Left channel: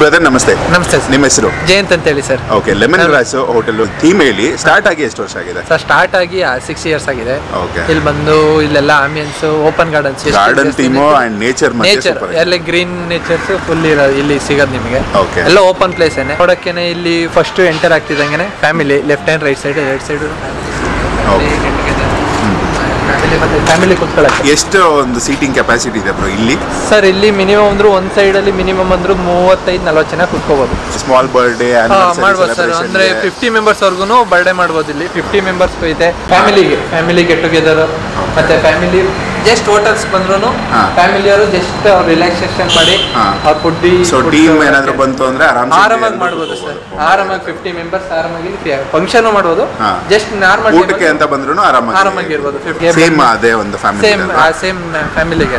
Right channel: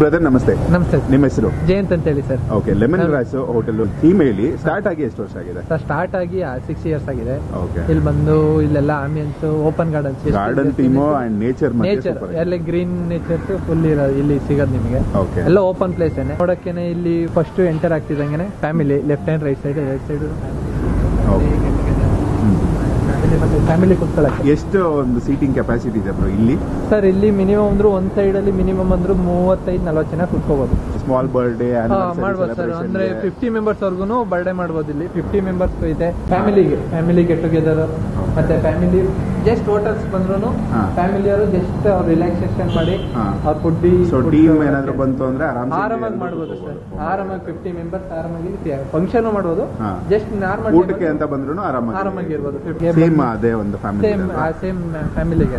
Brother ನಮಸ್ತೆ. ನಮಸ್ತೆ sir. ನಿಮ್ಮ ಹೆಸರು? ಜಯಂತ್ ಅಂತ ಹೇಳಿ sir. Okay, lemon grass hotel theme ಹೇಳಿ. ಸ್ಟಾರ್ಟ್ ಆಗಿ ಎಷ್ಟು ವರ್ಷ ಆಗಿದೆ ಸರ್? ಸ್ಟಾರ್ಟ್ ಆಗಿ 6 years ಆಗಿದೆ. ಓಕೆ. ಇಲ್ಲಿ ಬಂದು ಇಲ್ಲೆಲ್ಲ ambience, open gardens, garden theme and nature ಎಲ್ಲ ಗ್ರೀನ್ ನೇಚರ್ಸ್ ಫುಲ್ ಇಲ್ಲಿ ಸಿಗೋದು ನಿಮಗೆ. ಓಕೆ. ಎಲ್ಲ ಓಪನ್ ಪ್ಲೇಸ್ ಏನೆ ನೋಡಕ್ಕೇನೆ. ಇಲ್ಲಿ ಫಸ್ಟ್ ಎಂಟರ್ ಆಗ್ತಿದ್ದಂಗೆ family, left hand right side family ಕುತ್ಕೊಳ್ಳಕ್ಕೆ. ಎಷ್ಟು ಒಂದು ಸೀಟಿಂಗ್ ಕೆಪಾಸಿಟಿ ಇದೆ ಬ್ರೋ ಇಲ್ಲಿ? ಸರ್ ಇಲ್ಲಿ ಮಿನಿಮಮ್ ಅಂದ್ರೂ ಒಂದ್ ಸೈಡ್ ಅಲ್ಲಿ ಮಿನಿಮಮ್ ಅಂದ್ರೂ 35-40 ಜನ ಕುತ್ಕೋಬಹುದು. ಸ್ಮಾಲ್ ಬರ್ಡೇ ಮಾಡ್ಬೋದು ಸರ್. ಅಂದ್ರೆ 50 ಮೆಂಬರ್ಸ್ ವರ್ಗು ಬರ್ಡೇ ಮಾಡ್ಬೋದು ಇಲ್ಲಿ. 50 ಮೆಂಬರ್ಸ್ ಇದೆ. ಫ್ಯಾಮಿಲಿ ಗೆಟ್ ಟುಗೆದರ್ ಮತ್ತೆ ಫ್ಯಾಮಿಲಿ ಜಸ್ಟ್ ಹೋಟೆಲ್ಸ್ ಬಂದ್ರು ಫ್ಯಾಮಿಲಿ ಅವರು ಜಸ್ಟ್ ಅವ್ರು ರಿಲ್ಯಾಕ್ಸೇಷನ್ ಮಾಡಿ ಅವ್ರ ಫುಡ್ ಟೀಮ್ ಏನಾದ್ರು ಬಂತು ಅಂದ್ರೆ ಆರಾಮಾಗಿ ಮಾಡ್ಬೋದು ಸರ್. ಆರಾಮಾಗಿ 50 ಮೆಂಬರ್ಸ್ ಆರಾಮಾಗಿ ಫಂಕ್ಷನ್ ಮಾಡ್ಬೋದು. ಜಸ್ಟ್ ನಾರ್ಮಲ್ ಊಟಕ್ಕೆ ಅಂತ ಬಂದ್ರು ಆರಾಮಾಗಿ ಇರ್ಬೋದು. ಸೇಮ್ ಅದೇ ಒಂದು ಫ್ಯಾಮಿಲಿ, ಸೇಮ್ ಫ್ಯಾಮಿಲಿಗೆ.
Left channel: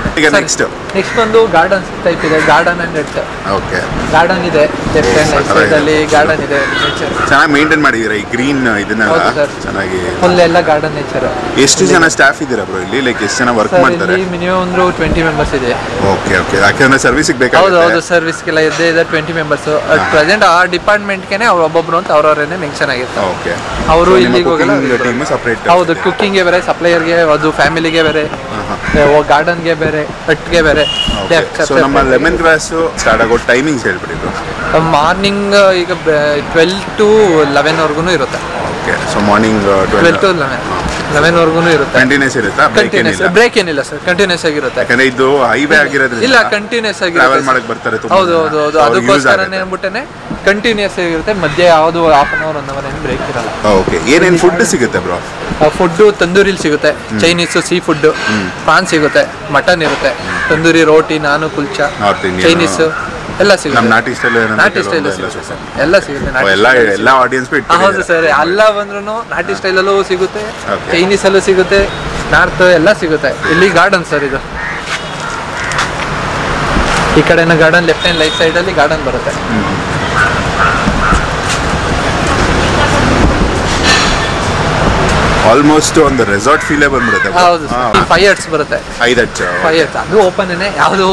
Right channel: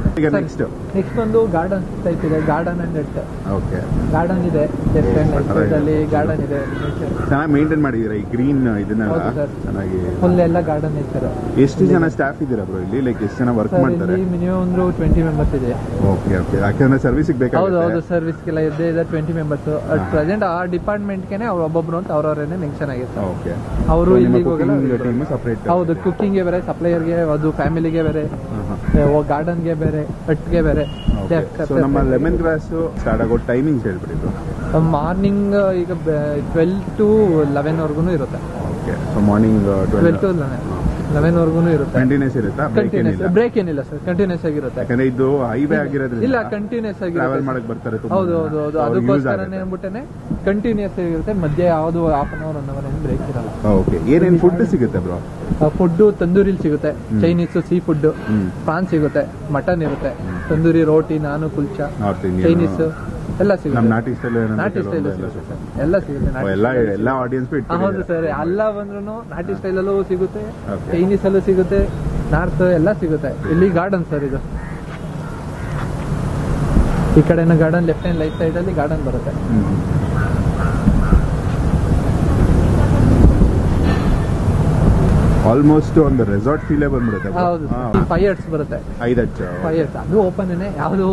ನೆಕ್ಸ್ಟ್ ಒಂದು ಗಾರ್ಡನ್ ಟೈಪ್ ಇದೆ. Garden and net. Okay. Garden ಇದೆ, ಲೆಫ್ಟ್ ಹ್ಯಾಂಡ್ ಸೈಡ್ ಅಲ್ಲಿ ಗಾರ್ಡನ್ ಇದೆ. ನೇಚರ್ ಚೆನ್ನಾಗಿ ಮೇಂಟೈನ್ ಮಾಡಿದೀರಾ ಈ ಗ್ರೀನ್ ಇದನ್ನೆಲ್ಲ ಚೆನ್ನಾಗಿ. ಫುಲ್ ಎಲ್ಲ ಗಾರ್ಡನ್ ನೇಚರ್. ಎಷ್ಟು ಜನ ಸ್ಟಾಫ್ ಇದ್ದೀರಾ ಬ್ರೋ ಇಲ್ಲಿ? ಲೈಕ್ ಎಷ್ಟು ಜನ ವರ್ಕ್ ಮಾಡ್ತಾರೆ? ಮಿನಿಮಮ್ ಒಂದು 20 ಮೆಂಬರ್ಸ್ ಇದೆ. Okay okay. ಯಾಕಂದ್ರೆ ಸರ್ವಿಸ್ಗೆ ಬೇಕಾಗುತ್ತೆ. ಹೌದು, ಸರ್ವಿಸ್ಗೆಲ್ಲ ಇದೆ 20 ಮೆಂಬರ್ಸ್. ಪ್ರೆಸೆಂಟ್ ಆ ಡಿಪಾರ್ಟ್ಮೆಂಟ್ಗೆ ಅವ್ರು ಒಬ್ಬೊಬ್ರು ಅಂತ ಅವ್ರವರೇನೆ ಮೆನ್ಷನ್ ಆಗಿರುತ್ತೆ. ಓಕೆ. ಅವರು ಇಲ್ಲಿಗೆ ಹೋಗಲ್ಲ. Team separate. ಹೌದು, ಕುಕ್ಕಿಂಗ್ಗೆ ಬೇರೆ, ಸಪ್ಲೈಯರ್ಗೆ ಅದು, ಫ್ಯಾಮಿಲಿಗೆ ಬೇರೆ, ಗಾರ್ಡನ್ಗೆ ಬೇರೆ, ಹಟ್ಗೆ ಬೇರೆ. ಸೊ ನಮ್ಮ ಲೆಮನ್ ಗ್ರಾಸ್ ಸ್ಟಾರ್ಟ್ ಆಗೋ ಟೈಮಿಂಗ್ಸ್ ಹೇಳ್ಬಿಡಿ. ಮಾರ್ನಿಂಗ್ ಈಗ 12 to 11 ವರ್ಗು ಇರುತ್ತೆ. ಓಕೆ. ಸೊ ಮಾರ್ನಿಂಗ್ 12 to 11 ವರ್ಗು ಇರುತ್ತೆ. ಕಂಟಿನ್ಯೂಸ್ ಇರುತ್ತಾ? ಬ್ರೇಕ್ ಏನಿಲ್ಲ ಸರ್, ಕಂಟಿನ್ಯೂಸ್ ಆಗಿರುತ್ತೆ. ಯಾಕಂದ್ರೆ ಇದು ಹೈವೇ ಆಗಿರೋದ್ರಿಂದ ಇಲ್ಲ, ಕಂಟಿನ್ಯೂಸ್ ಆಗಿರುತ್ತೆ. ಟ್ರಾವೆಲ್ ಮಾಡಕ್ಕೆ ಬರ್ತಾರೆ ತುಂಬಾ. ಹೌದು, ಅದಕ್ಕೋಸ್ಕರನೇ ಅಂದ್ಬಿಟ್ಟೆ ಕಂಟಿನ್ಯೂಸ್ ಆಗಿರುತ್ತೆ. ಮಧ್ಯೆ ಯಾವುದು half an hour 1 hour ಏನು ಬ್ರೇಕ್ ಇರಲ್ಲ. ಓಕೆ. ಏನೇನು ಫುಡ್ ಸಿಗುತ್ತೆ ಬ್ರೋ? ಫುಡ್ ತಂದೂರಿಲಿ ಸಿಗುತ್ತೆ. ಚೈನೀಸು, ಸೀ ಫುಡ್, ಪ್ರಾನ್ ಸಿಗುತ್ತೆ, ಮಟನ್ ಇರುತ್ತೆ, ತಂದೂರಿ, ರೋಟಿ, ನಾನು, ಕುಲ್ಚಾ, ಚೈನೀಸ್ ಎಲ್ಲ ಸಿಗುತ್ತೆ. ನಮ್ಮ ನಾಟಿ ಸ್ಟೈಲ್ ಎಲ್ಲ ಸಿಗುತ್ತೆ. ಎಲ್ಲ ಆಡಿಯನ್ಸ್. ಹೌದು ಸರ್, ಎಲ್ಲ ಬಂದ್ರು ನಾಟಿ ಸ್ಟೈಲಲ್ಲೂ ಸಿಗುತ್ತೆ, ಚೈನೀಸ್ ಅಲ್ಲೂ ಸಿಗುತ್ತೆ, ನಾರ್ತ್ ಎಲ್ಲ ಸಿಗುತ್ತೆ. ಇಲ್ಲಿ ಗಾರ್ಡನ್ ಸರ್ ಇದು. ಈ ಕಡೆನ garden, left hand right side ಅಲ್ಲಿ ಗಾರ್ಡನ್ ಬರುತ್ತೆ. ಆಲ್ಮೋಸ್ಟ್ ಒಂದು ರೆಸಾರ್ಟ್ ಫೀಲೇ ಬಂದ್ಬಿಡುತ್ತೆ. ಹೌದು, 5 years ಬರುತ್ತೆ. 5 years ಅದು ಓಪನ್ ಏನೇ. ಯಾವುದು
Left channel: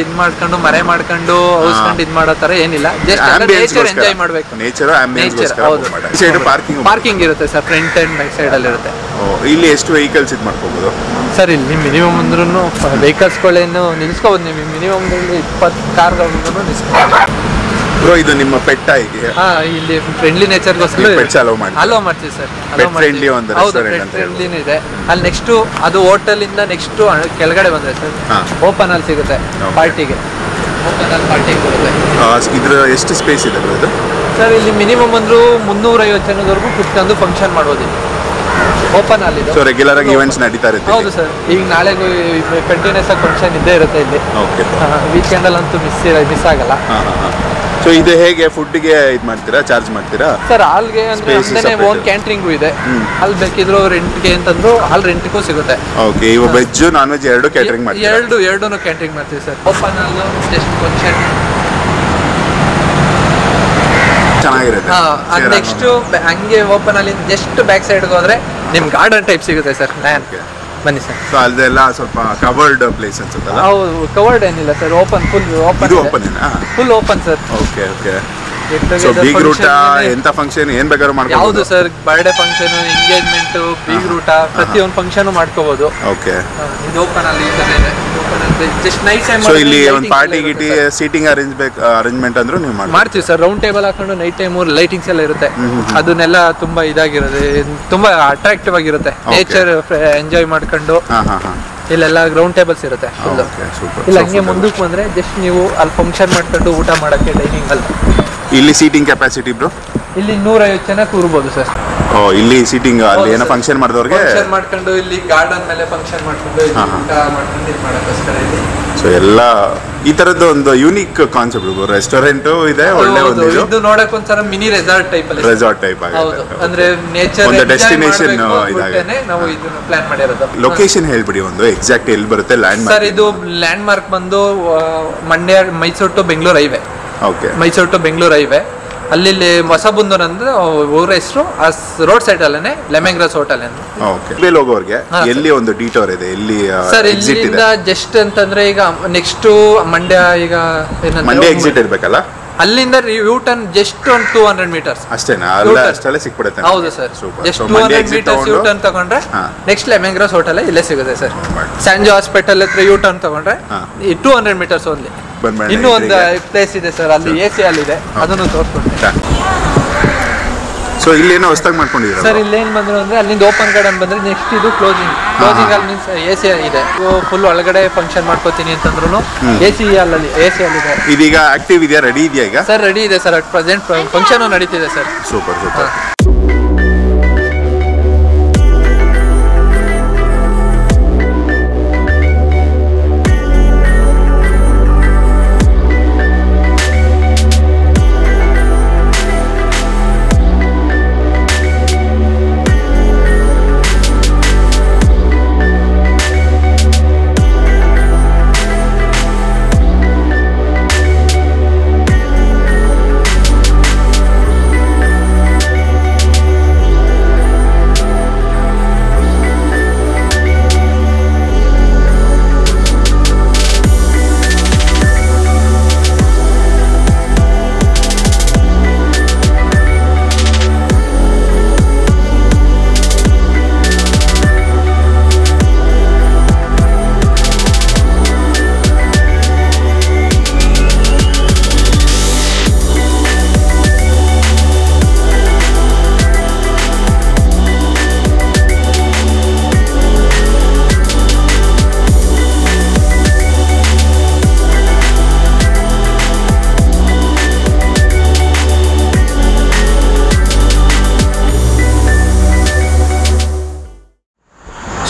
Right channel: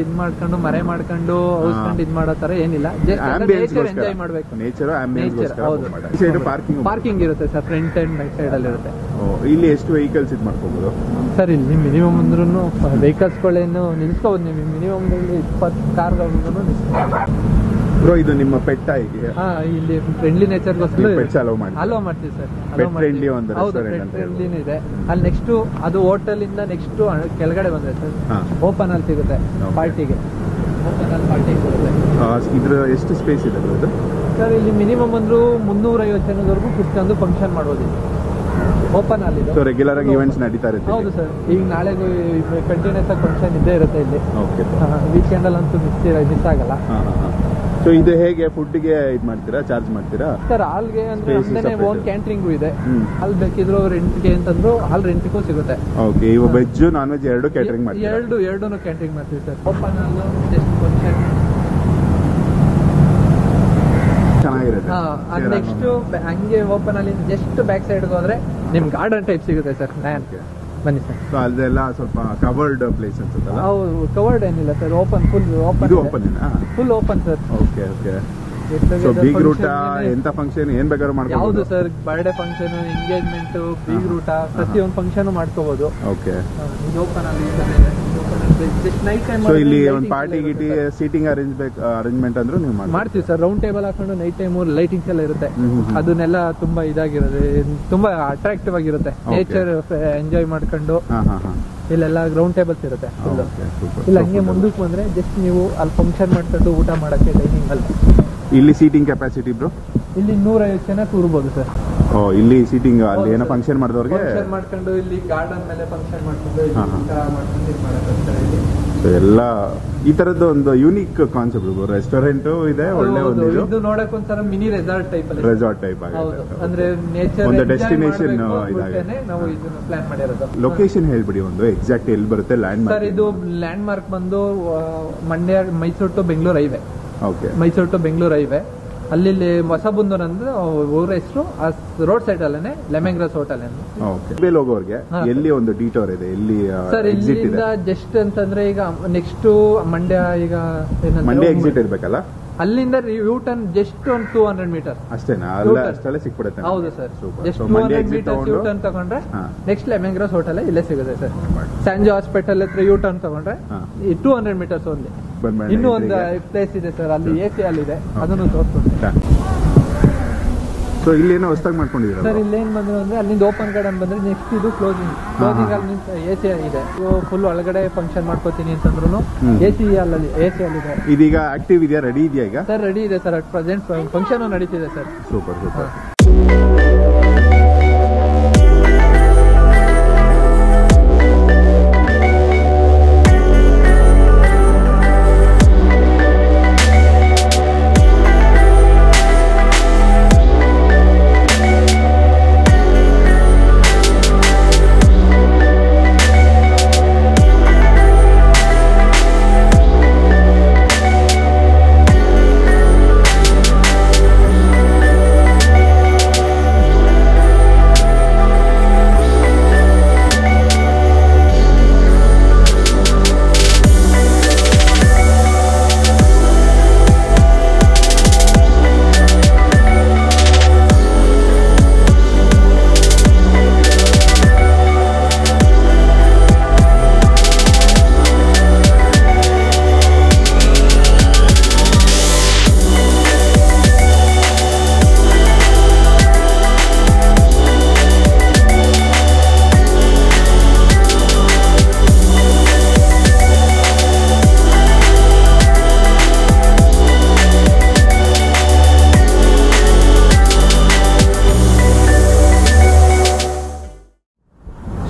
ಇದ್ ಮಾಡ್ಕೊಂಡು ಮರೆ ಮಾಡ್ಕೊಂಡು ಔಸ್ಕೊಂಡು ಇದ್ ಮಾಡೋ ತರ ಏನಿಲ್ಲ. ಜಸ್ಟ್ ನೇಚರ್ ಎಂಜಾಯ್ ಮಾಡ್ಬೇಕು. Nature ambience. ಪಾರ್ಕಿಂಗ್ ಇರುತ್ತೆ sir, front and back side ಅಲ್ಲಿ ಇರುತ್ತೆ. ಇಲ್ಲಿ ಎಷ್ಟು ವೆಹಿಕಲ್ಸ್ ಇದು ಮಾಡ್ಕೋಬಹುದು ಸರ್? ಇಲ್ಲಿ ಮಿನಿಮಮ್ ಅಂದ್ರೂ ವೆಹಿಕಲ್ಸ್ಗಳೇನು ನಿಲ್ಸ್ಕೋಬಹುದು. ನೀವು ಮಿನಿಮಮ್ 20 ಕಾರ್ಗಳನ್ನು ನಿಲ್ಸ್ಕೋಬಹುದು. ಬ್ರೋ, ಇದು ನಿಮ್ಮ ಪೆಟ್ಟ ಹೇಗೆ? ಇಲ್ಲಿ ಫ್ರೆಂಡ್ಲಿ ನೇಚರ್ಗೋಸ್ಕರ ಅಲೋ ಮಾಡ್ತೀವಿ ಸರ್. ಫ್ರೆಂಡ್ಲಿ ಒಂದು ರೆಸ್ಟೋರೆಂಟ್ ಅಂತ ಫ್ರೆಂಡ್ಲಿನೂ ಇದೆ ಅಲ್ಲಿ. ನೆಕ್ಸ್ಟ್ ಅದು ಹೋಟೆಲ್ ಇಂದ ನೆಕ್ಸ್ಟ್ ಕೆಳಗಡೆ ಬಂದ್ರೆ ಸರ್ ಓಪನ್ ಅಲ್ಲಿ ಸಿಗುತ್ತೆ ಪಾರ್ಟಿಗೆ. ಓಪನ್ ಅಲ್ಲಿ ಪಾರ್ಟಿಗೆ ಬರುತ್ತೆ. ಇದ್ರ ಎಷ್ಟು ಸ್ಪೇಸ್ ಇದೆ ಬ್ರೋ ಇದು? ಸರ್ ಇಲ್ಲಿ ಮಿನಿಮಮ್ ಅಂದ್ರೂ 350 ಜನದವರೆಗೂ ಕುತ್ಕೊಂಡು ಫಂಕ್ಷನ್ ಮಾಡ್ಬೋದು. ಓಪನ್ ಅಲ್ಲಿ. ಸೊ ರೆಗ್ಯುಲರ್ ಆಗಿ ಈವೆಂಟ್ಸ್ ನಡೀತಾ ಇರುತ್ತೆ? ಹೌದು ಸರ್. ಈಗ ನಾಳೆಗೂ ಕಂಟಿನ್ಯೂಸ್ ಆಗಿ ಫಂಕ್ಷನ್ ಇದ್ದೇ ಇರುತ್ತೆ ಇಲ್ಲಿ. ವೀಕೆಂಡ್ ಅಲ್ಲಂತೂ ಮಿಸ್ ಆಗಲ್ಲ. ಸೊ ಇದು ಹೇಗೆ ಫುಡ್ಗೆ ಇದು ಮಾಡ್ತೀರಾ? ಚಾರ್ಜ್ ಮಾಡ್ತೀರಾ ಸರ್? ಹಾಲ್ಗೆ ಅಂದ್ರೆ ಓನ್ ಕ್ಯಾಂಟ್ರಿಂಗು ಇದೆ. ಹಾಲ್ ಬೇಕಿದ್ರು ರೆಂಟ್ಗೆ ಅಂತಂದ್ರು ಹಾಲ್ ರೆಂಟ್ಗೂ ಸಿಗುತ್ತೆ. ಓಕೆ. ಇವು ವೆಜ್ ನಾನ್ ವೆಜ್ ಎರಡು ಕ್ಯಾಟರಿಂಗ್ ಮಾಡ್ತೀರಾ? ಎರಡೂ ಕ್ಯಾಂಟ್ರಿಂಗ್ ಮಾಡ್ತೀವಿ sir. Open hall just function ಚೆನ್ನಾಗಿರುತ್ತೆ. ನೆಕ್ಸ್ಟ್ ಹಂಗೆ ಓಪನ್ ಅಲ್ಲಿ ಜಸ್ಟ್ ಬ್ಯಾಕ್ ಸೈಡ್ಗೆ ಹೋದ್ರೆ ನಿಮ್ ಗಾರ್ಡನ್ ಟೈಪ್ ಸಿಗುತ್ತೆ ಸರ್. ಬನ್ನಿ ಸರ್. ಸೊ ಅಲ್ಲೆಲ್ಲ ಸ್ವಲ್ಪ ಕವರ್ಡ್ ಪ್ಲೇಸ್ ಅನ್ಸುತ್ತಲ್ಲ? ಹೌದು, ಕವರ್ಡ್ ಏನಿಲ್ಲ sir. Full open sir. Okay okay. So ಬೀಗ್ ರೂಟ ಎಂತ ಫಂಕ್ಷನ್ ಏನ್ ಬೇಕಾದ್ರೂ ಮಾಡ್ಕೋಬಹುದು? ಯಾವುದು ಸರ್? ಬರ್ಡೇ ಫಂಕ್ಷನ್, ಎಂಗೇಜ್ಮೆಂಟ್, ಬೀಗ್ ರೂಟ ಪ್ರತಿಯೊಂದು ಫಂಕ್ಷನ್ ಮಾಡ್ಕೋಬಹುದು. ಓಕೆ. ಇದು ಓಪನ್ ಅಲ್ಲಿ ಇದೆ. Just night time. ಸೊ ಇಲ್ಲಿ ಒಂದು ಪಾರ್ಟಿ ಗಿಟಿ ಸೀಟಿಂಗ್ ಅರೇಂಜ್ಮೆಂಟ್ ಅಂದ್ರೂ ನೀವು ಮಾಡ್ತೀವಿ ಸರ್. ರೌಂಡ್ ಟೇಬಲ್ ಹಾಕೊಂಡು ನೈಟ್ ಟೈಮ್ ಲೈಟಿಂಗ್ಸ್ ಎಲ್ಲ ಇರುತ್ತೆ. ಅದನ್ನೆಲ್ಲ ತುಂಬಾ ಇದಾಗಿರುತ್ತೆ, ತುಂಬಾ ಅಟ್ರಾಕ್ಟಿವ್ ಆಗಿರುತ್ತೆ. ನೇಚರ್ ಎಂಜಾಯ್ ಮಾಡ್ಕೊಂಡು ಇಲ್ಲೆಲ್ಲ ಗ್ರೌಂಡ್ ಟೇಬಲ್ಸ್ ಇರುತ್ತೆ. ಇಲ್ಲ ಹಂಗೆ ಮುಂದಕ್ಕೆ ಬಂದ್ರೆ ಜಸ್ಟ್ ನೀವು ಅಲ್ಲಿ ಫಂಕ್ಷನ್ ಮಾಡ್ಕೊಂಡು ಊಟ ಮಾಡಕ್ಕೆ ಡೈನಿಂಗ್ ಅಲ್ಲಿ. ಇಲ್ಲಿ ಸೀಟಿಂಗ್ ಕೆಪಾಸಿಟಿ ಬ್ರೋ? ಇಲ್ಲಿ 150 ಜನ ಕೂರ್ಬೋದು ಸರ್. ಇಲ್ಲಿ ಸೀಟಿಂಗ್ ಅಲ್ಲಿ ಏನೋ ಫಂಕ್ಷನ್ ಮಾಡಿದವ್ರಿಗೆ ಮಾಡ್ಕೊಂಡು ಇಲ್ಲಿ ಗಾರ್ಡನ್ ಮೇಲೆ ಫಂಕ್ಷನ್ ಮಾಡ್ಕೊಂಡು ಊಟ ಮಾಡ್ಕೊಂಡು ಇದು ಮಾಡೋಕ್ಕೋಸ್ಕರ ಇಲ್ಲಿ. ಸೊ ಎಲ್ಲ ಈ ತರದ್ದು ಒಂದು ಯೂನಿಕ್ ಕಾನ್ಸೆಪ್ಟ್. ರೆಸ್ಟೋರೆಂಟ್ ಇದೆ, ಒಳ್ಳೆ ಒಂದು ಇದು ನೋಡಕ್ ಒಂದ್ಸರ ಮಿನಿ ರೆಸಾರ್ಟ್ ಟೈಪ್ ಅಲ್ಲಿ. ರೆಸಾರ್ಟ್ ಟೈಪ್ ಹೌದು, ಅಂದ್ರೆ ನೇಚರ್ ಒಂದು ಡೆಸ್ಟಿನೇಷನ್ ಇದಾಗಿದೆ. ನಾವು ಇದನ್ನ ಪ್ಲಾನ್ ಮಾಡಿರೋದು. ಲೊಕೇಶನ್ ಹೇಳ್ಬಿಡಿ ಒಂದು ಎಕ್ಸಾಕ್ಟ್ ಎಲ್ಲಿ ಬರುತ್ತೆ ಲ್ಯಾಂಡ್ ಮಾರ್ಕ್? ಸರ್ ಇದು ಲ್ಯಾಂಡ್ ಮಾರ್ಕ್ ಬಂದು Mandya, Mysuru to Bengaluru highway. Okay. Mysuru to Bengaluru highway. ಅಲ್ಲಿ ಹೊಸಬುಂದೂರು ಅಂದ್ರೆ ಊರ ಹೆಸರು, ಆ ರೋಡ್ ಸೈಡ್ ಅಲ್ಲೇ ಲೆಮನ್ ಗ್ರಾಸ್ ಹೋಟೆಲ್ ಅಂತ. ಓಕೆ. ಹೋಗೋರ್ಗೆ ಎಲ್ಲಿ ಒಂದು ಡಿಟೋರ್ ಇದೆ, ಎಲ್ಲಿ ಸರ್ ಇಲ್ಲಿಂದ ಜಸ್ಟ್ ಅಂತಂದ್ರೆ ಈಗ ನೆಕ್ಸ್ಟ್ ಮಂಡ್ಯ, ಈಗ ಮಂಡ್ಯ ಎಕ್ಸಿಟ್ ಇರ್ಬೇಕಲ್ಲ, ಅಲ್ಲಿಂದ ಯೂ ಟರ್ನ್ ಜಸ್ಟ್ ಒಂದು 200 ಮೀಟರ್ಸ್ ಅಷ್ಟೇನಾ? ಅಷ್ಟೇ ಸಿಕ್ಬಿಡುತ್ತೆ. ಹೌದು sir, just 200 metres U turn ತಗೊಂಡ್ರೆ ನೆಕ್ಸ್ಟ್ ಲೆಮನ್ ಗ್ರಾಸ್ ಹೋಟೆಲ್ ಇಲ್ಲೇ ಸಿಗುತ್ತೆ ಸರ್. ಸ್ಯಾಂಜೋ ಹಾಸ್ಪಿಟಲ್ ಹತ್ರ ಯೂ ಟರ್ನ್ ತಗೊಂಡ್ರೆ 200 ಮೀಟರ್ಸ್ ಓನ್ಲಿ. ಇನ್ನೂ ಒಂದು ಪ್ಲೇಸ್ ಇದೆ ಸರ್, ಅಲ್ಲಿ AC ಅಲ್ಲಿದೆ, ಅದನ್ನು ತೋರಿಸ್ಕೊಡ್ತೀನಿ. ಸೊ ಇಲ್ಲಿ ಏನೋ ಹೊಸದಾಗಿ ಮಾಡ್ಕೊಂಡಿದ್ದೀರಾ ಸರ್? ಇಲ್ಲಿ ಏನು ಬಂದ್ರು ಅಂದ್ರೆ ಅಲ್ಲಿಂದ ಓಪನ್ ಗಾರ್ಡನ್ ಬಂದ್ರೆ ನೆಕ್ಸ್ಟ್ ಇದು ಕ್ಲೋಸಿಂಗ್ ಅಲ್ಲಿ ಮೀನ್ಸ್ AC ಇದೆ. ಫುಲ್ ಒಳಗಡೆ ಫಂಕ್ಷನ್ ಮಾಡ್ಕೋತೀನಿ ಅಂತಂದ್ರು AC ಅಲ್ಲಿದೆ. ಇದೀಗ ಆಕ್ಟಿವ್ ಇದೆಯಾ, ರೆಡಿ ಇದೆಯಾ ಈಗ? ಸರ್ ರೆಡಿ ಇದೆ ಸರ್, ಅಟ್ ಪ್ರೆಸೆಂಟ್ ಫಂಕ್ಷನ್ ನಡೀತಿದೆ ಸರ್. Super super.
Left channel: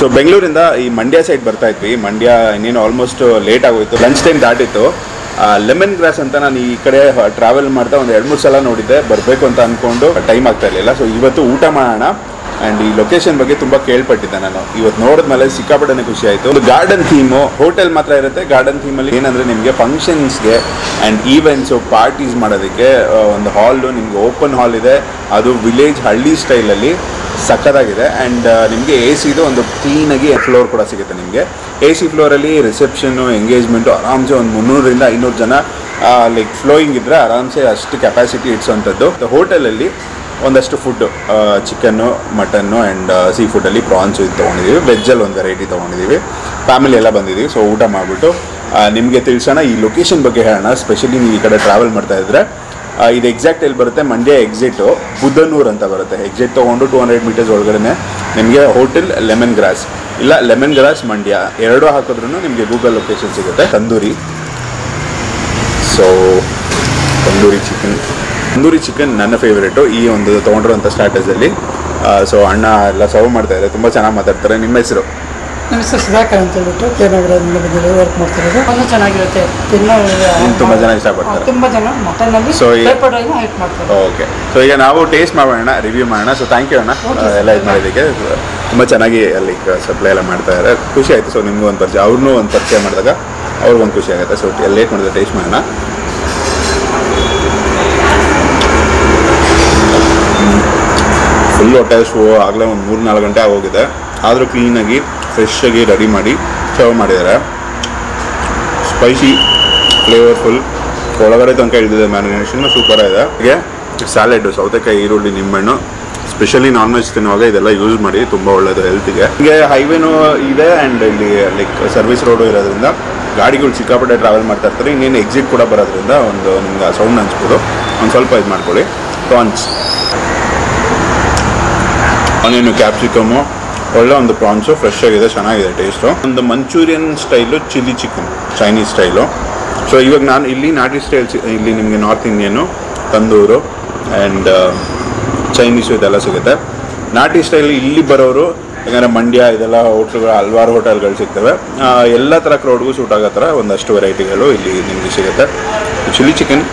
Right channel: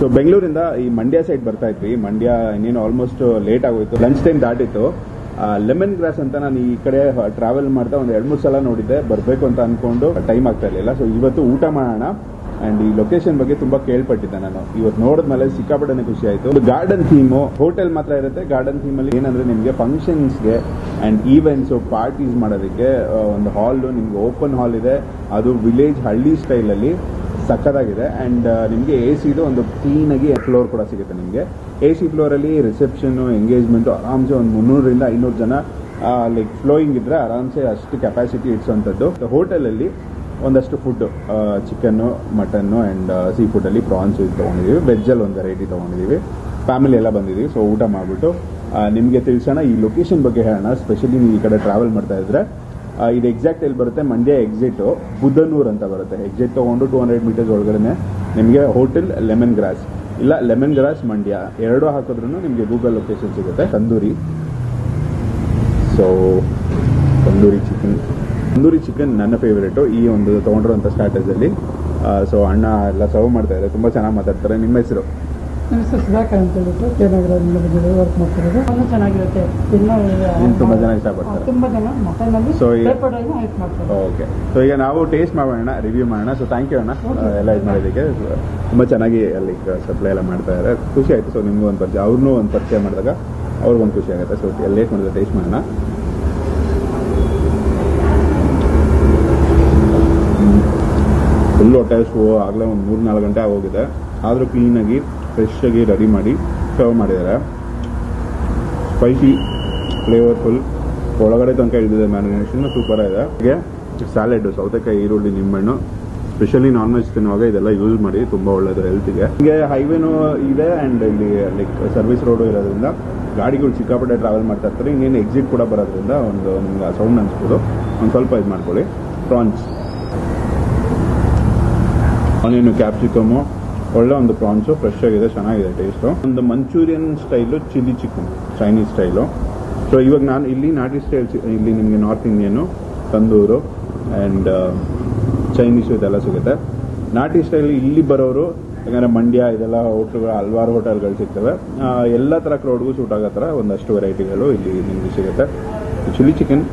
ಸೊ ಬೆಂಗಳೂರಿಂದ ಈ ಮಂಡ್ಯ ಸೈಡ್ ಬರ್ತಾ ಇದ್ವಿ. ಮಂಡ್ಯ ಇನ್ನೇನು ಆಲ್ಮೋಸ್ಟ್ ಲೇಟ್ ಆಗೋಯ್ತು, ಲಂಚ್ ಟೈಮ್ ದಾಟಿತ್ತು. ಲೆಮನ್ ಗ್ರಾಸ್ ಅಂತ ನಾನು ಈ ಕಡೆ ಟ್ರಾವೆಲ್ ಮಾಡ್ತಾ ಒಂದು 2-3 ಸಲ ನೋಡಿದ್ದೆ, ಬರಬೇಕು ಅಂತ ಅಂದ್ಕೊಂಡು ಟೈಮ್ ಆಗ್ತಾ ಇರಲಿಲ್ಲ. ಸೊ ಇವತ್ತು ಊಟ ಮಾಡೋಣ. ಆ್ಯಂಡ್ ಈ ಲೊಕೇಶನ್ ಬಗ್ಗೆ ತುಂಬ ಕೇಳ್ಪಟ್ಟಿದ್ದೆ ನಾನು. ಇವತ್ತು ನೋಡಿದ್ಮೇಲೆ ಸಿಕ್ಕಾಪಟ್ಟೆ ಖುಷಿ ಆಯಿತು. ಒಂದು ಗಾರ್ಡನ್ ಥೀಮು, ಹೋಟೆಲ್ ಮಾತ್ರ ಇರುತ್ತೆ. ಗಾರ್ಡನ್ ಥೀಮಲ್ಲಿ ಏನಂದರೆ ನಿಮಗೆ ಫಂಕ್ಷನ್ಸ್ಗೆ ಆ್ಯಂಡ್ ಈವೆಂಟ್ಸು, ಪಾರ್ಟೀಸ್ ಮಾಡೋದಕ್ಕೆ ಒಂದು ಹಾಲು, ನಿಮಗೆ ಓಪನ್ ಹಾಲ್ ಇದೆ. ಅದು ವಿಲೇಜ್ ಹಳ್ಳಿ ಸ್ಟೈಲಲ್ಲಿ ಸಕ್ಕತ್ತಾಗಿದೆ. ಆ್ಯಂಡ್ ನಿಮಗೆ AC ಒಂದು ಕ್ಲೀನಾಗಿ ಫ್ಲೋರ್ ಕೂಡ ಸಿಗುತ್ತೆ ನಿಮಗೆ. AC ಫ್ಲೋರಲ್ಲಿ ರಿಸೆಪ್ಷನ್ನು, ಎಂಗೇಜ್ಮೆಂಟು ಆರಾಮ್ಸೆ ಒಂದು 300ರಿಂದ 500 ಜನ ಲೈಕ್ ಫ್ಲೋಯಿಂಗ್ ಇದ್ದರೆ ಆರಾಮ್ಸೆ ಅಷ್ಟು ಕೆಪಾಸಿಟಿ ಇಡ್ಸೋವಂಥದ್ದು. ಹೋಟೆಲಲ್ಲಿ ಒಂದಷ್ಟು food, chicken, mutton and sea ಫುಡ್ಡಲ್ಲಿ ಪ್ರಾನ್ಸು ಇದು ತೊಗೊಂಡಿದ್ದೀವಿ. ವೆಜ್ಜಲ್ಲಿ ಒಂದು ವೆರೈಟಿ ತೊಗೊಂಡಿದ್ದೀವಿ. ಫ್ಯಾಮಿಲಿ ಎಲ್ಲ ಬಂದಿದ್ದೀವಿ. ಸೊ ಊಟ ಮಾಡಿಬಿಟ್ಟು ನಿಮಗೆ ತಿಳಿಸೋಣ, ಈ ಲೊಕೇಶನ್ ಬಗ್ಗೆ ಹೇಳೋಣ. ಸ್ಪೆಷಲಿ ನೀವು ಈ ಕಡೆ ಟ್ರಾವೆಲ್ ಮಾಡ್ತಾಯಿದ್ರೆ ಇದು ಎಕ್ಸಾಕ್ಟ್ ಎಲ್ಲಿ ಬರುತ್ತೆ, ಮಂಡ್ಯ ಎಕ್ಸಿಟು ಬುಧನೂರು ಅಂತ ಬರುತ್ತೆ. ಎಕ್ಸಿಟ್ ತೊಗೊಂಡು 200 ಮೀಟರ್ಸ್ ಒಳಗಡೆ ನಿಮಗೆ ಹೋಟೆಲ್ ಲೆಮನ್ ಗ್ರಾಸ್, ಇಲ್ಲ ಲೆಮನ್ ಗ್ರಾಸ್ ಮಂಡ್ಯ ಎರಡೂ ಹಾಕಿದ್ರೂ ನಿಮಗೆ ಗೂಗಲ್ ಲೊಕೇಶನ್ ಸಿಗುತ್ತೆ. ತಂದೂರಿ, ಸೊ ತಂದೂರಿ ಚಿಕನ್ ನನ್ನ ಫೇವ್ರೇಟು ಈ ಒಂದು ತೊಗೊಂಡಿರೋಂಥ ಸ್ಟಾರ್ಟರ್ಸಲ್ಲಿ. ಸೊ ಅಣ್ಣ ಎಲ್ಲ ಸರ್ವ್ ಮಾಡ್ತಾಯಿದ್ದಾರೆ, ತುಂಬ ಚೆನ್ನಾಗಿ ಮಾತಾಡ್ತಾರೆ. ನಿಮ್ಮ ಹೆಸರು? ನಮ್ಮ ಹೆಸರು ಸುಧಾಕರ್ ಅಂತ ಹೇಳ್ಬಿಟ್ಟು ಕೇರಳದಿಂದ ಬಂದಿರೋದು, ವರ್ಕ್ ಮಾಡ್ತಿರೋದು. ತುಂಬ ಚೆನ್ನಾಗಿರುತ್ತೆ, ತುಂಬ ಜನ ಇಷ್ಟಪಡ್ತಾರೆ. ತುಂಬ ಜನ ಮಟನಲ್ಲಿ ಸೊ ಹೆಲ್ಪ್ ಮಾಡ್ತಾರೆ. ಓಕೆ, ಸೊ ಈಗ ನಾವು ಟೇಸ್ಟ್ ಮಾಡೋಣ, ರಿವ್ಯೂ ಮಾಡೋಣ. ಸೊ ಥ್ಯಾಂಕ್ ಯು ಅಣ್ಣ ಎಲ್ಲ ಇದು ಮಾಡೋದಕ್ಕೆ. ತುಂಬ ಚೆನ್ನಾಗಿ ಅಲ್ಲಿ ಸಪ್ಲೈ ಎಲ್ಲ ಮಾಡ್ತಾಯಿದ್ದಾರೆ, ಖುಷಿ ಆಯಿತು. ಸೊ ನಿಮಗೂ ಒಂದು ಪರಿಚಯ, ಅವ್ರನ್ನೂ ಒಂದು ಪರಿಚಯ ಮಾಡಿದಾಗ ಅವ್ರಿಗೊಂದು ಖುಷಿ ಆಗುತ್ತೆ. ಸೊ ಲೇಟ್ ಮಾಡಿದ್ರೆ ಟೇಸ್ಟ್ ಮಾಡೋಣ. ಫುಲ್ ಹೊಟ್ಟೆ ಹಸಿವು, ಆಗಲೇ ಒಂದು 3-4 ಗಂಟೆ ಆಗೋಗಿದೆ. ಆದರೂ ಕ್ಲೀನಾಗಿ ಫ್ರೆಶ್ಶಾಗಿ ರೆಡಿ ಮಾಡಿ ಸರ್ವ್ ಮಾಡಿದ್ದಾರೆ. ಸ್ಪೈಸಿ, ಫ್ಲೇವರ್ಫುಲ್, ಒಳಗಡೆ ತನಕ ಇಳಿದಿದೆ ಮ್ಯಾರಿನೇಷನ್, ಸೂಪರಾಗಿದೆ. ಹಾಗೆ ಸ್ಯಾಲೆಡ್ಡು, ಸೌತೆಕಾಯಿ, ಈರುಳ್ಳಿ, ನಿಂಬೆಹಣ್ಣು, ಸ್ಪೆಷಲಿ ನಾನ್ ವೆಜ್ ತಿನ್ನುವಾಗ ಇದೆಲ್ಲ ಯೂಸ್ ಮಾಡಿ, ತುಂಬ ಒಳ್ಳೆಯದು ಹೆಲ್ತಿಗೆ. ಹೀಗೆ ಹೈವೇನೂ ಇದೆ ಆ್ಯಂಡ್ ಇಲ್ಲಿ ಲೈಕ್ ಸರ್ವಿಸ್ ರೋಡು ಇರೋದ್ರಿಂದ ಗಾಡಿಗಳು ಸಿಕ್ಕಾಪಟ್ಟೆ ಟ್ರಾವೆಲ್ ಮಾಡ್ತಾ ಇರ್ತಾರೆ. ಇನ್ನೇನು ಎಕ್ಸಿಟ್ ಕೂಡ ಬರೋದ್ರಿಂದ ಒಂದು ನಿಮ್ಗೆ ಸೌಂಡ್ ಅನ್ಸ್ಬೋದು, ಒಂದು ಸ್ವಲ್ಪ ಇದು ಮಾಡ್ಕೊಳ್ಳಿ. ಪ್ರಾನ್ಸ್, ಆನಿಯನು, ಕ್ಯಾಪ್ಸಿಕಮ್ಮು, ಒಳ್ಳೆ ಒಂದು ಪ್ರಾನ್ಸು, ಫ್ರೆಶ್ ಆಗಿದೆ, ಚೆನ್ನಾಗಿದೆ ಟೇಸ್ಟು. ಒಂದು manchurian style chilli chicken, Chinese style. So ಇವಾಗ ನಾನು ಇಲ್ಲಿ ನಾಟಿ ಸ್ಟೈಲ್, ಇಲ್ಲಿ ನಿಮಗೆ north Indian, tandoor and Chinese ಇದೆಲ್ಲ ಸಿಗುತ್ತೆ. ನಾಟಿ ಸ್ಟೈಲ್ ಇಲ್ಲಿ ಬರೋರು ಯಾಕಂದರೆ ಮಂಡ್ಯ ಇದೆಲ್ಲ ಹೋಟ್ಲುಗಳು, ಹಲವಾರು ಹೋಟೆಲ್ಗಳು ಸಿಗ್ತವೆ. ಎಲ್ಲ ಥರ ಕ್ರೌಡ್ಗೂ ಸೂಟ್ ಆಗೋ ಥರ ಒಂದಷ್ಟು ವೆರೈಟಿಗಳು ಇಲ್ಲಿ ನಿಮಗೆ ಸಿಗುತ್ತೆ. Chilli chicken,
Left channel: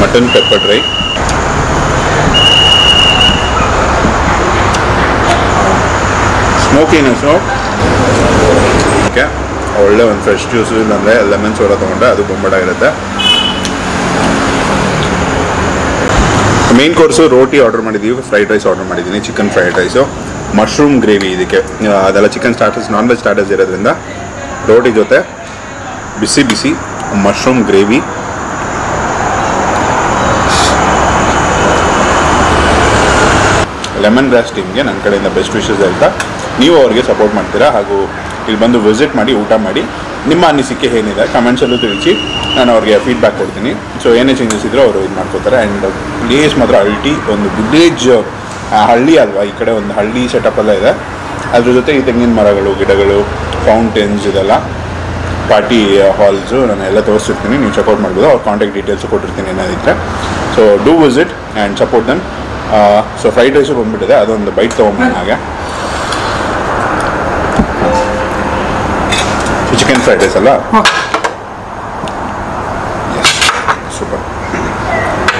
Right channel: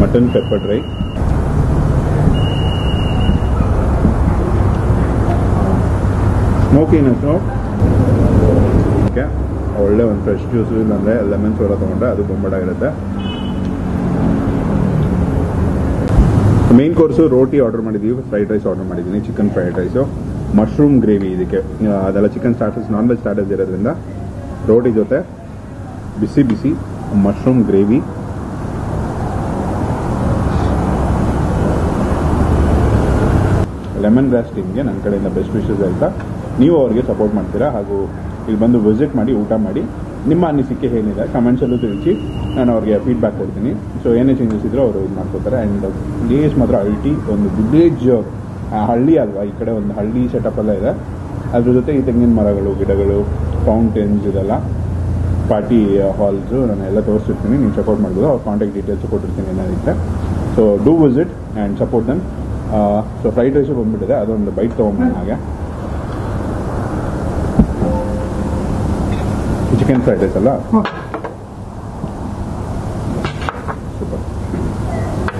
mutton pepper dry, smokiness, okay, ಒಳ್ಳೆ ಒಂದು ಫ್ರೆಶ್ ಜ್ಯೂಸು ಇಲ್ಲಾಂದರೆ ಲೆಮನ್ ಸೋಡಾ ತೊಗೊಂಡ್ರೆ ಅದು ಬೊಂಬಾಟಾಗಿರುತ್ತೆ. ಮೇನ್ ಕೋರ್ಸು ರೋಟಿ ಆರ್ಡರ್ ಮಾಡಿದ್ದೀವಿ, ಫ್ರೈಡ್ ರೈಸ್ ಆರ್ಡರ್ ಮಾಡಿದ್ದೀನಿ, chicken fried rice, mushroom gravy ಇದಕ್ಕೆ. ಅದೆಲ್ಲ chicken starters, non veg starters ಇರೋದ್ರಿಂದ ರೋಟಿ ಜೊತೆ ಬಿಸಿ ಬಿಸಿ ಮಶ್ರೂಮ್ ಗ್ರೇವಿ. ಲೆಮನ್ ಗ್ರಾಸ್ ಟೀಮ್ಗೆ ನನ್ನ ಕಡೆಯಿಂದ ಬೆಸ್ಟ್ ವಿಶಸ್ ಹೇಳ್ತಾ, ನೀವು ಅವ್ರಿಗೆ ಸಪೋರ್ಟ್ ಮಾಡ್ತೀರಾ ಹಾಗೂ ಇಲ್ಲಿ ಬಂದು ವಿಸಿಟ್ ಮಾಡಿ ಊಟ ಮಾಡಿ ನಿಮ್ಮ ಅನಿಸಿಕೆ ಏನಿದೆ ಕಮೆಂಟ್ಸಲ್ಲೂ ತಿಳಿಸಿ, ನಾನು ಅವ್ರಿಗೆ ಫೀಡ್ಬ್ಯಾಕ್ ಕೊಡ್ತೀನಿ. ಸೊ ಏನೇ ಚೇಂಜಸ್ ಇದ್ದರೂ ಅವರು ಇದು ಮಾಡ್ಕೋತಾರೆ. ಆ್ಯಂಡ್ ಪ್ಲೇಸ್ ಮಾತ್ರ ಅಲ್ಟಿ, ಒಂದು ವಿಲೇಜ್ ಹಳ್ಳಿ ಅಲ್ವಾ, ಈ ಕಡೆ ಒಂದು ಹಳ್ಳಿ ಸೆಟಪ್ ಎಲ್ಲ ಇದೆ. ಅದ್ರ ಜೊತೆ ಈ ತೆಂಗಿನ ಮರಗಳು, ಗಿಡಗಳು, ಫೌಂಟೇನ್ಸ್, ಇದೆಲ್ಲ ಪಾರ್ಟಿ ಹಾಲ್ಸು ನಾನು ಎಲ್ಲ ತೋರಿಸಿರ್ತೀನಿ, ನೀವು ಚೆಕ್ಔಟ್ ಮಾಡ್ಬೋದು. ಅವ್ರ ಕಾಂಟ್ಯಾಕ್ಟ್ ಡೀಟೇಲ್ಸು ಕೊಟ್ಟಿರ್ತೀನಿ ಏನಾದಿದ್ರೆ. So do visit and support them. So fried rice ಬಂದುಬಿಟ್ಟಿದೆ, ಅದೊಂದು ಬೈಟ್ ತೊಗೊಂಬಂದು ಹಾಗೆ. ಚಿಕನ್ ಫ್ರೈಡ್ ರೈಸ್ ಅಲ್ಲ, super,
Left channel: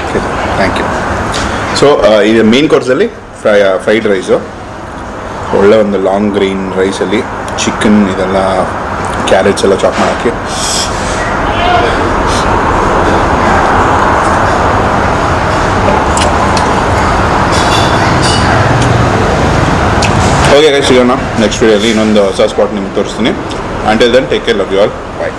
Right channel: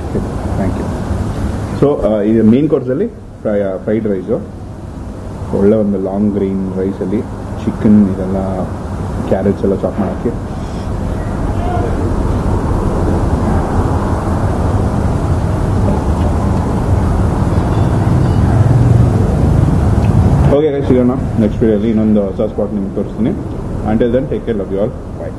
okay thank you. So ಇದು ಮೇನ್ ಕೋರ್ಸಲ್ಲಿ ಫ್ರೈಡ್ ರೈಸು, ಒಳ್ಳೆ ಒಂದು ಲಾಂಗ್ ಗ್ರೀನ್ ರೈಸಲ್ಲಿ ಚಿಕನ್ ಇದೆಲ್ಲ ಕ್ಯಾರೆಟ್ಸ್ ಎಲ್ಲ ಚಾಪ್ ಮಾಡೋಕ್ಕೆ. ಓಕೆ ಗೈಸ್, ಸಿಗೋಣ ನೆಕ್ಸ್ಟ್ ವೀಡಿಯೋಲಿ ಇನ್ನೊಂದು ಹೊಸ ಸ್ಪಾಟ್ ನಿಮ್ಗೆ ತೋರಿಸ್ತೀನಿ. Until then, take care, love you all, bye.